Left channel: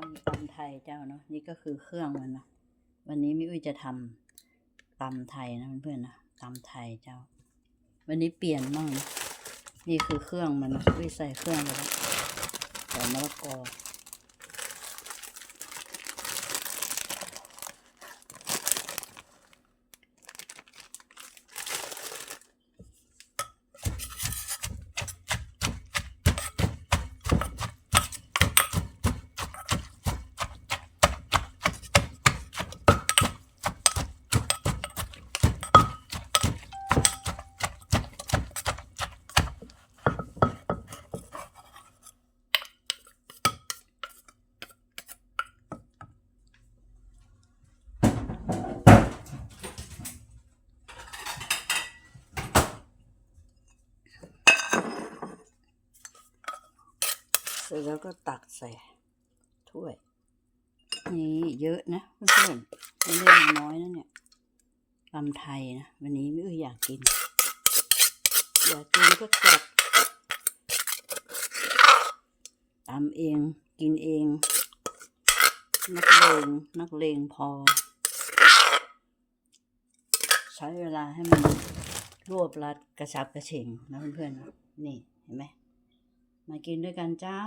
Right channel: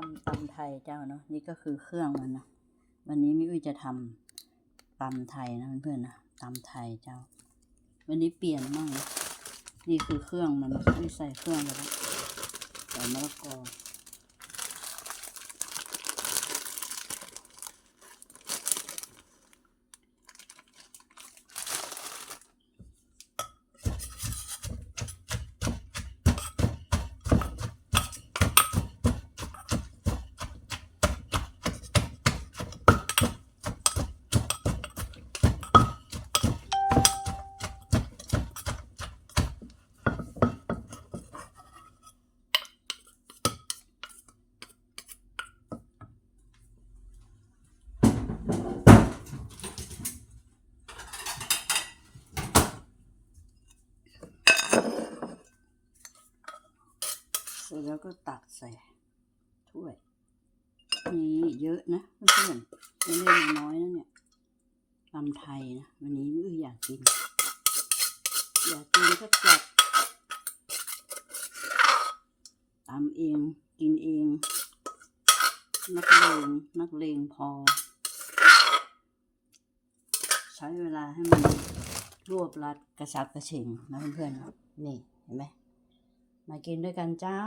ทำตำไทยเจ้าเนาะนี่ก็คือเครื่องมันนะวันนี้มิอุ้ยจะทำตำไทยนะเพื่อนๆนะตำไทยเจ้า วันนี้เปลี่ยนมั่งนะนี่คือเครื่องมันนะอุ้ยใส่เครื่องไปแล้วใส่มะละกอ ร็จแล้วก็ตักใส่ถ้วย นี่เยอะนะเพื่อนๆไม่ได้น้อยนะเนี่ยตำไทยนะวันนี้ไม่อออยากกิน อยากกินก็จัดตำเองกินเอง นักเลงนักเลงพอ ใช้เวลาให้มันรวบรัดกระชับกระเฉงนะเพื่อนๆนี่เห็นไหม กินด้วยกันเจ้า